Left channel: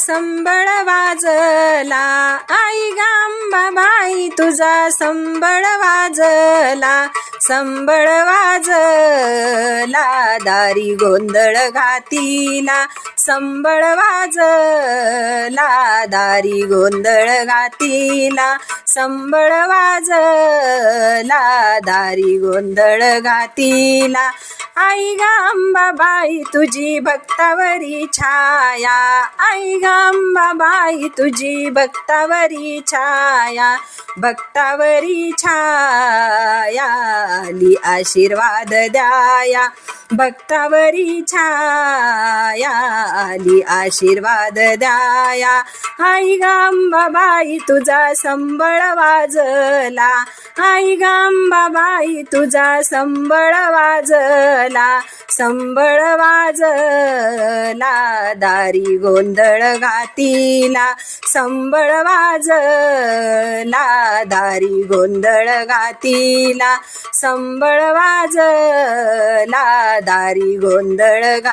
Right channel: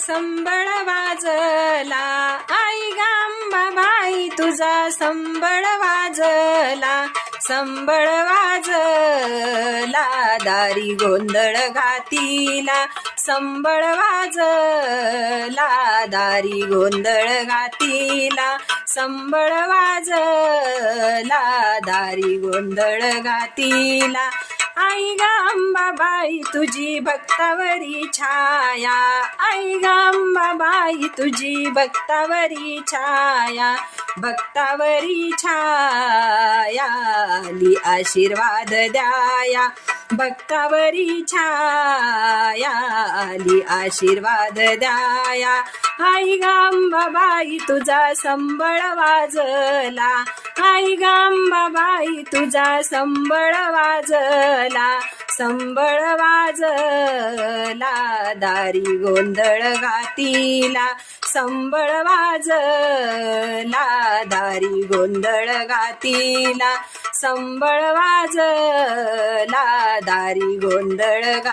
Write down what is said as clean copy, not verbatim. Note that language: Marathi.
संबळ वाजला, आई अंबाबाई तुझा संबळ वाजला, संबळ वाजला, दारी गोंधळ घातीला, संबळ वाजला, दारी गोंधळ घातीला, संबळ वाजला, दारी गोंधळ घातीला. आई ग अंबाबाई तुझी भक्तावरी छाया, आई ग अंबाबाई तुझी भक्तावरी छाया, भक्तावरी छाया, आली आशीर्वाद द्याया, भक्तावरी छाया, आली आशीर्वाद द्याया. आई ग अंबाबाई तुझा संबळ वाजला, आई ग अंबाबाई तुझा संबळ वाजला, संबळ वाजला, दारी गोंधळ घातीला, संबळ वाजला, दारी गोंधळ घातीला, संबळ वाजला, दारी गोंधळ